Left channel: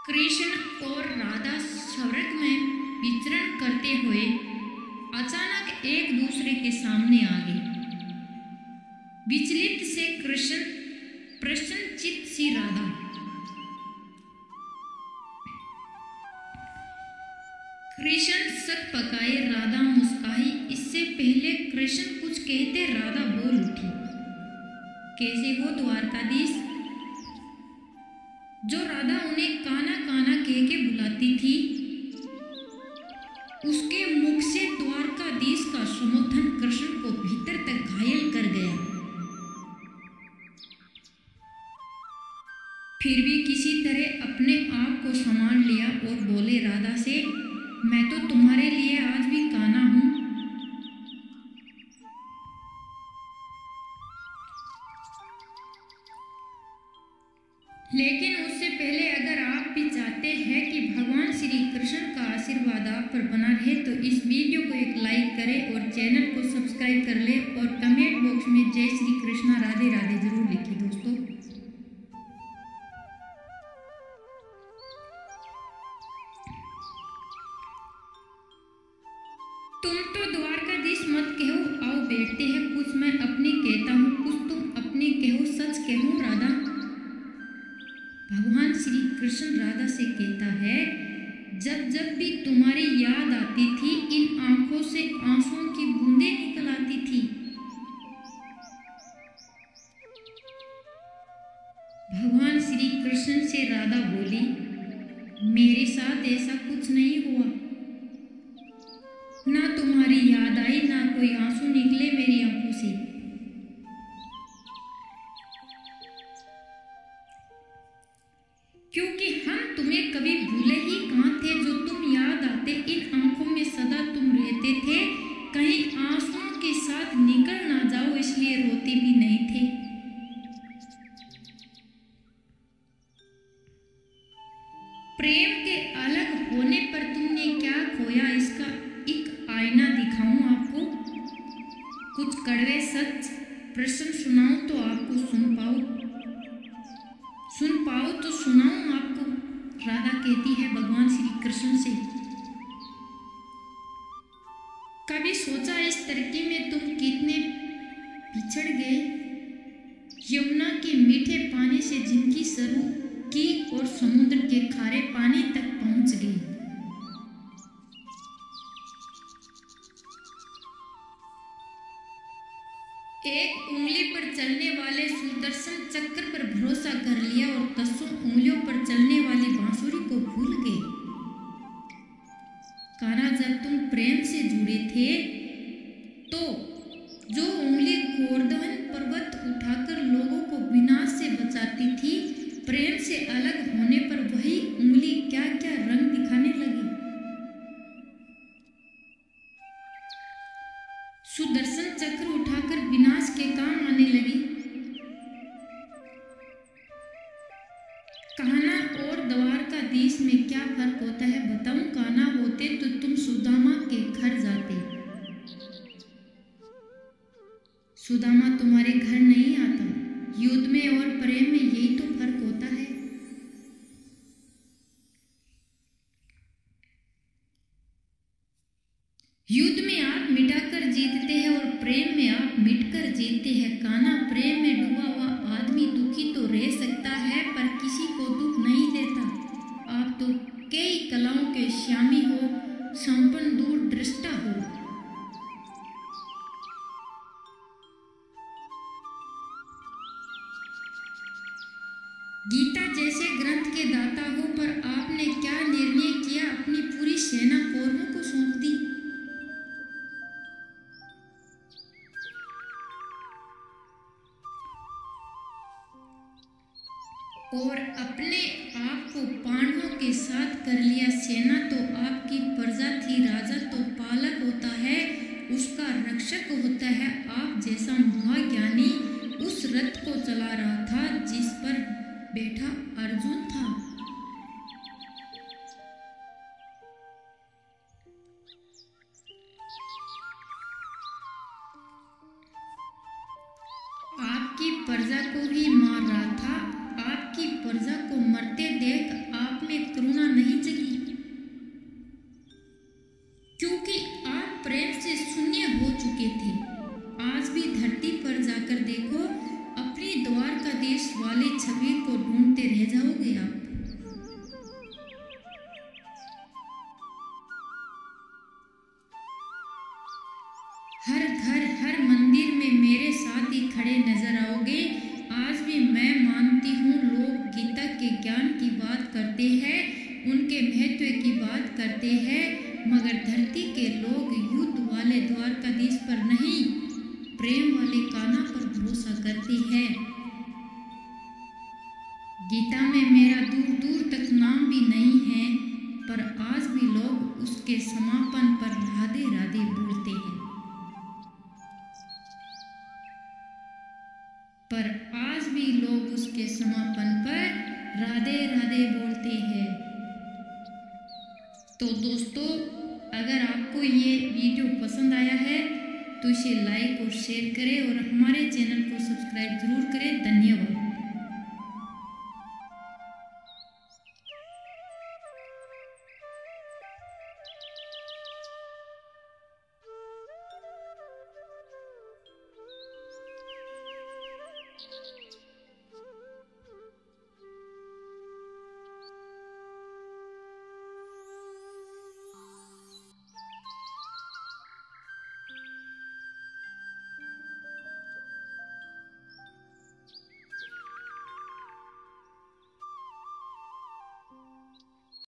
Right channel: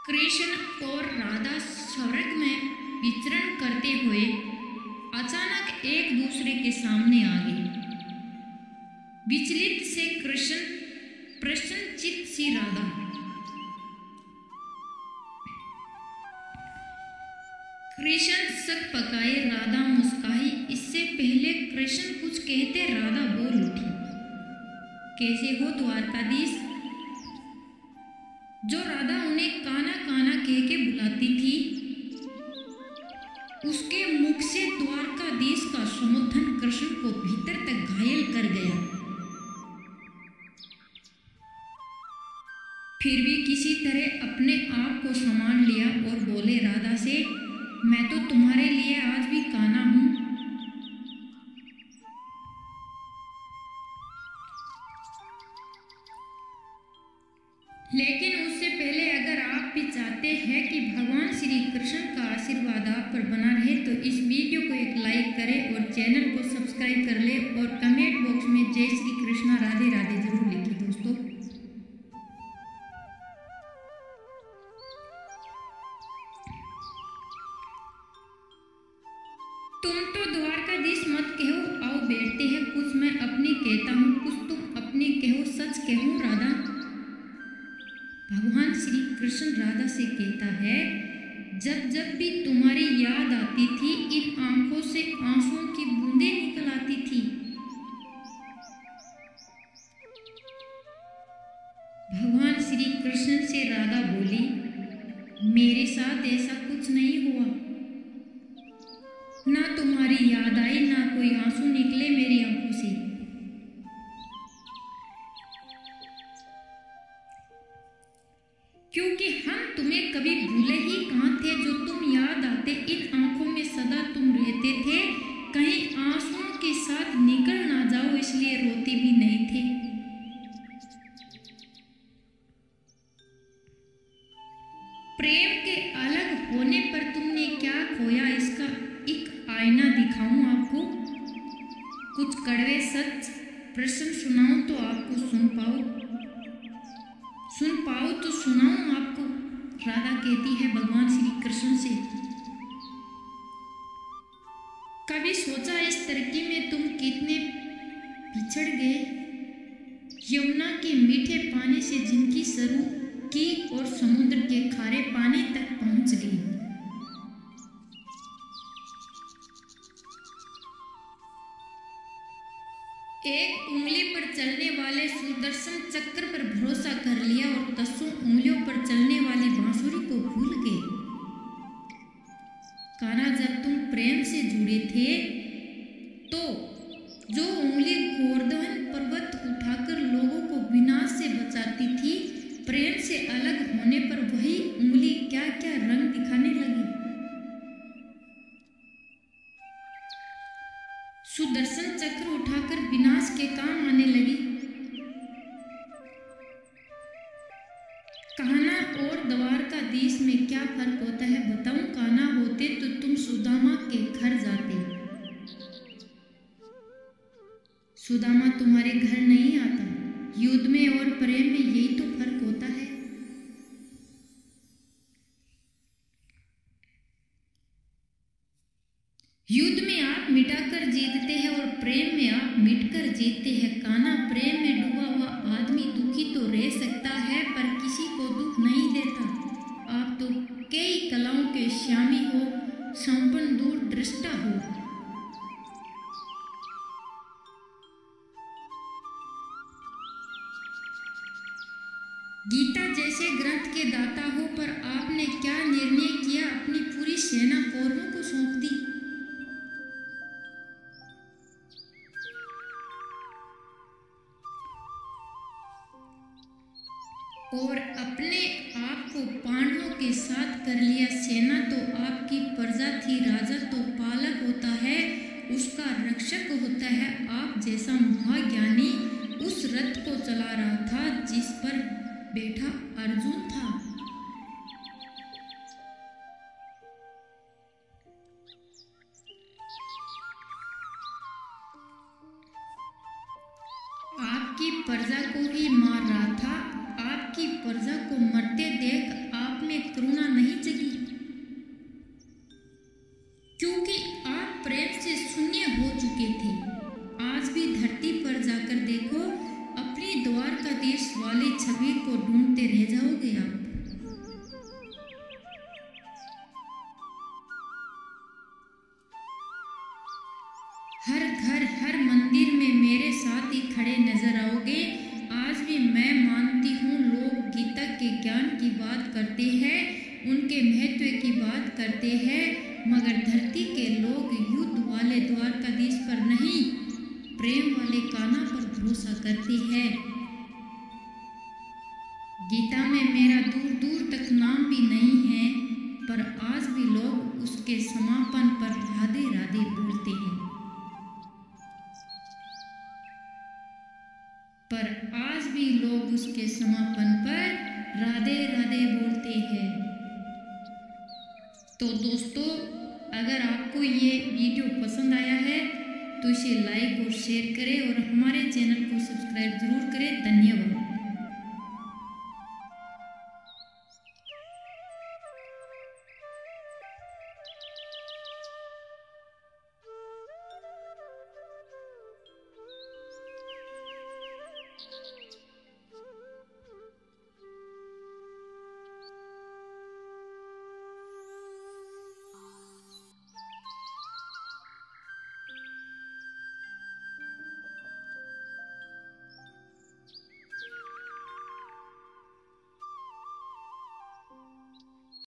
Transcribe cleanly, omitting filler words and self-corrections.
कृष्ण और राधा स्वर्ग में विचरण करते हुए अचानक एक दूसरे के सामने आ गए। विचलित से कृष्ण, प्रसन्नचित्त सी राधा। कृष्ण सक पकाए, राधा मुस्काई। इससे पहले कृष्ण कुछ कहते राधा बोल उठी, कैसे हो द्वारकाधीश? जो राधा उन्हें काना काना कह के बुलाती थी, उसके मुख से द्वारकाधीश का संबोधन कृष्ण को भीतर तक घायल कर गया। फिर भी किसी तरह अपने आप को संभाल लिया और बोले राधा से, मैं तो तुम्हारे लिए आज भी काना हूं। लेकिन उससे पहले अगर आप भी चाहते हैं कि भगवान श्री कृष्ण का आशीर्वाद आप पर बना रहे तो इस वीडियो को एक लाइक करें और चैनल को सब्सक्राइब कर ले और कमेंट बॉक्स में जय श्री कृष्णा राधे राधे जरूर लिखिए दोस्तों। तुम तो द्वारकाधीश मत कहो, आओ बैठते हैं। कुछ मैं अपनी कहता हूँ, कुछ तुम अपनी कहो। सच कहूँ राधा? भगवान श्री कृष्ण राधा से कहता है, जब जब भी तुम्हारी याद आती थी, इन आंखों से आंसुओं की बूंदें निकल आती थी। भगवान श्री कृष्ण से राधा बोली, मेरे साथ ऐसा कुछ नहीं हुआ। ना तुम्हारी याद आई, ना कोई आंसू निकले मेरी आंखों से। क्योंकि हम तुम्हें कभी भूले ही कहाँ थे। जो तुम याद आते, इन आंखों में सदा तुम रहते थे। कहीं आंसुओं के साथ निकल ना जाओ, इसलिए रोते भी नहीं थे। प्रेम के अलग होने पर तुमने क्या खोया, इसका एक आईना दिखाऊं आपको। कुछ कड़वे सच प्रश्न सुनाऊं तो आपको सुन पाओ तो सुनाऊं आपको। राधा कहती है भगवान श्री कृष्ण से, कभी सोचा इस तरक्की में तुम कितने पिछड़ गए? यमुना के मीठे पानी से जिनकी शुरू की और समुद्र के खारे पानी तक पहुंच गई। एक उंगली पर चलने वाले सुदर्शन चक्र पर भरोसा कर लिया और 10 उंगलियों पर चलने वाली बांसुरी को भूल गए। कान्हा, जब तुम प्रेम से जुड़े थे तो जो उंगली गोवर्धन पर्वत उठाकर लोगों को विनाश से बचाती थी, प्रेम से अलग होने पर वही उंगली क्या क्या रंग दिखाने लगी। सुदर्शन चक्र उठाकर विनाश के काम आने लगी। कान्हा और द्वारकाधीश में क्या फर्क होता है बताऊं? कान्हा होते तो तुम सुदामा के घर जाते। सुदामा तुम्हारे घर नहीं आता। युद्ध में और प्रेम में यही तो फर्क होता है। युद्ध में आप मिटाकर जीतते हैं और प्रेम में आप मिटकर जीतते हैं। कान्हा, प्रेम में डूबा हुआ आदमी दुखी तो रह सकता है पर किसी को दुख नहीं देता। आप तो कई कलाओं के स्वामी हो, संपन्न दूरदृष्टा हो। गीता जैसे ग्रंथ के दाता हो, पर आपने क्या निर्णय किया? अपनी पूरी सेना कौरवों को सौंप दी और अपने आप को पांडवों के साथ कर लिया। सेना तो आपकी प्रजा थी, राजा तो पालक होता है, उसका रक्षक होता है। आप जैसा महाज्ञानी उस रथ को चला रहा था जिस पर बैठा अर्जुन था। आपकी प्रजा को ही मार रहा था। आपकी आपकी प्रजा को मरते देख आप में करुणा नहीं जगी, क्योंकि आप प्रेम से शून्य हो चुके थे। आज भी धरती पर जाकर देखो, अपनी द्वारका देश वाले छवि को ढूंढते रह जाओगे आप। हर घर हर मंदिर में मेरे साथ ही खड़े नजर आओगे। आज भी मैं मानती हूँ लोग गीता के ज्ञान की बात करते हैं, उनके महत्व की बात करते हैं, मगर धरती के लोग युद्ध वाले द्वारकाधीश पर नहीं, प्रेम वाले कान्हा पर भरोसा करते हैं। गीता में मेरा दूर दूर तक नाम भी नहीं है, पर आज भी लोग उसके समापन पर राधे राधे बोलते हैं। पर आज भी लोग उसके समापन पर राधे राधे बोलते हैं। तो दोस्तों, अगर आपको ये वीडियो पसंद आया है तो इसे लाइक और शेयर करें और हमारे चैनल को सब्सक्राइब जरूर करें। धन्यवाद।